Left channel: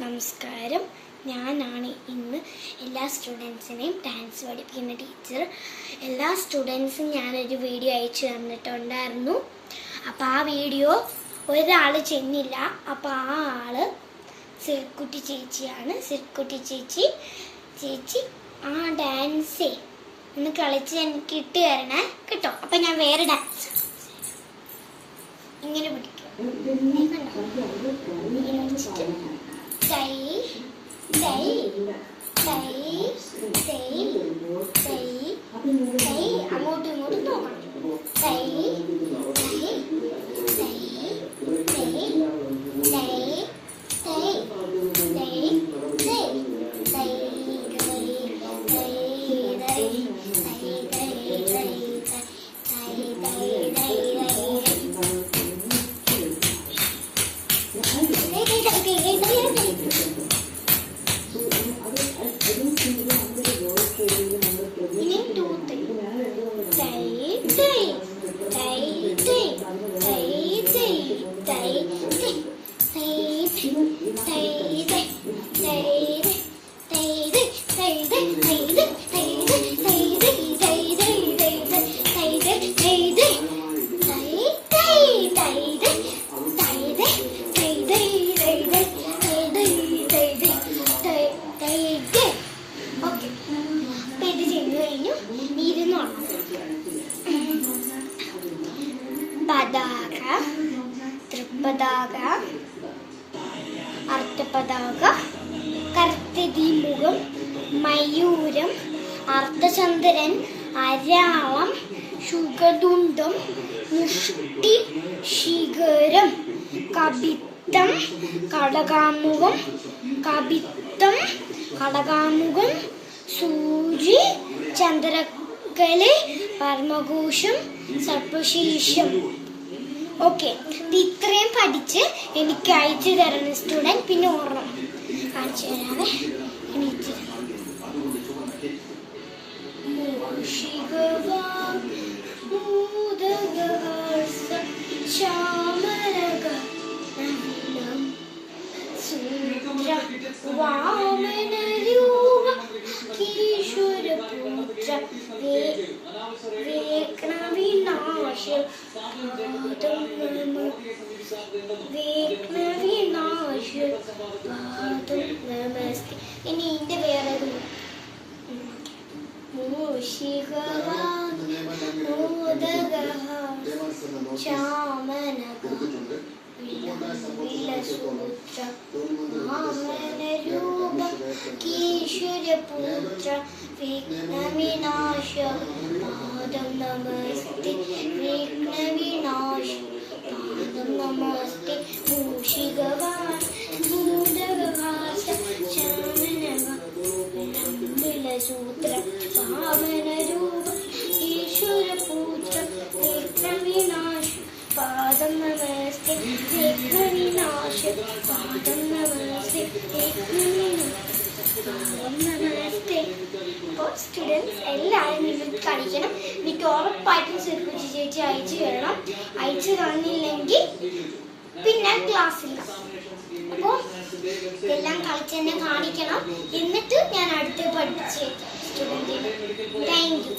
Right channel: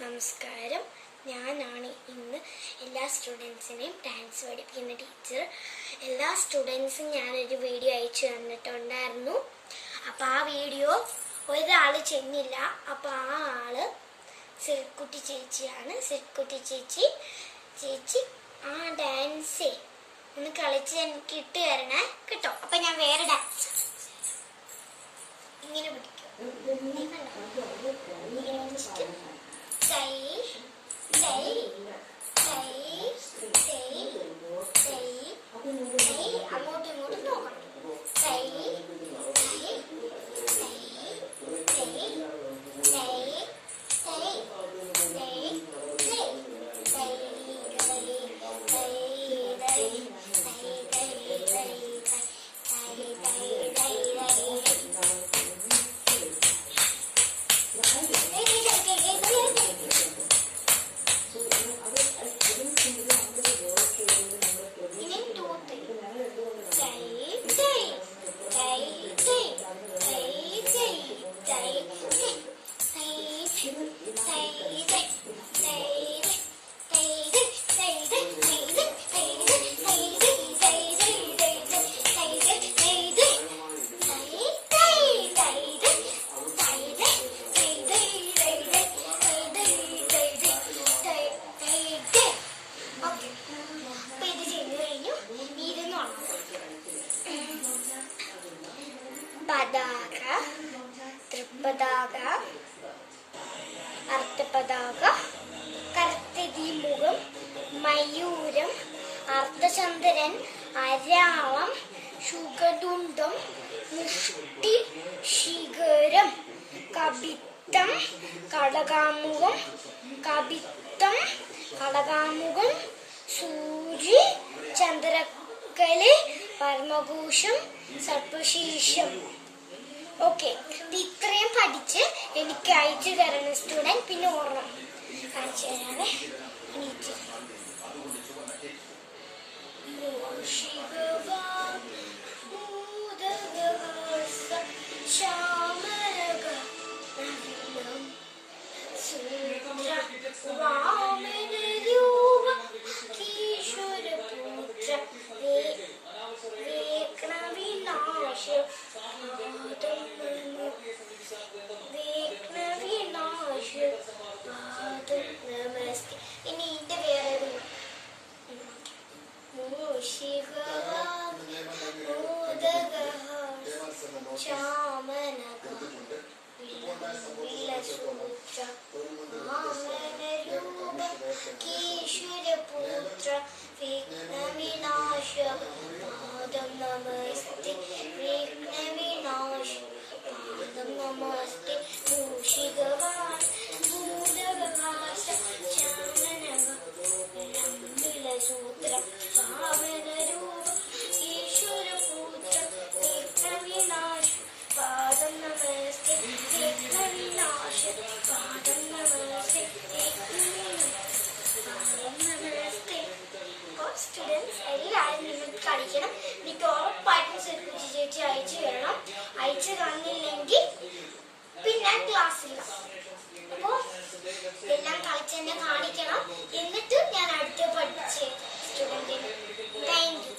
നമസ്കാരം. ഞാനാണ് ഇന്ന് എല്ലാ സ്റ്റുഡൻസിനെയും ഡാൻസ് പഠിപ്പിക്കുന്ന ടീച്ചർ. എല്ലാ സ്റ്റുഡൻസും ഞാനൊരു വീഡിയോ അയച്ചു തന്നിട്ടുണ്ടായിരുന്നു. അപ്പോൾ ആ വീഡിയോ ഒരാൾ ചെന്നില്ല. അപ്പോൾ ആ ആള് സിൽക്കുട്ടി ചേച്ചിയാണ്. സിൽക്കുട്ടി ചേച്ചി ആ ഡാൻസേ ഒന്ന് കളിച്ച് എനിക്ക് ഇട്ട് തരണേ കേട്ടോ. അപ്പം ഞാൻ വേറെ ഡാൻസ് ഇങ്ങനെ പിടിക്കും. അങ്ങോട്ടും ഇങ്ങോട്ടും നോക്കണം. പതാക, തൃപ്പതാക, അർത്ഥപതാക, കർത്തതിമുഖം, മയൂരം, അർദ്ധചന്ദ്രൻ, അരാളം, ശുഗതുണ്ടം, മുഷ്ടി, ശിഖരം, കപിത്തം, കടകാമുഖം, കപിത്തം, കടകാമുഖം, സൂചി, ചന്ദ്രകല, പരമഘോഷം, സർപ്പശീർഷം. ഓക്കെ, ഇത്രയും പഠിച്ച് എനിക്ക് അയച്ചു തരണം സ്റ്റുഡൻറ്. പിന്നെ ഓർമ്മ കാണിച്ചു തരാവേ. ഇനി ഇതിന്റെ വേറെ ഈശ്വരപുത്ര വിഘ്നവിനാശ പാദം നമസ്തേ. വിഘ്നവിനാശ പാദം നമസ്തേ. മൂഷികവാൻ ഭൂതകവാസ ശാനനസൂത്ര വാമനരൂപ ഈശ്വരപുത്ര വിഘ്നവിനാശ പാദം നമസ്തേ. വിഘ്നവിനാശ പാദം നമസ്തേ. സ്റ്റുഡൻസ് എല്ലാവരും നിങ്ങൾക്ക് കളിക്കണം. എനിക്ക് ഉറപ്പായിട്ടും സിൽക്കുട്ടി ചേച്ചി അയച്ചു തരണം. അയച്ചു തന്നില്ലെങ്കിൽ പിന്നെ ക്ലാസ്സിൽ. അപ്പോൾ എല്ലാം കളിച്ച് തന്നെ കാണിക്കണം. എന്നിട്ട് ഞാൻ അടുത്ത് പഠിപ്പിച്ചേക്കാം സ്റ്റുഡൻറ്റിന്. Thank you.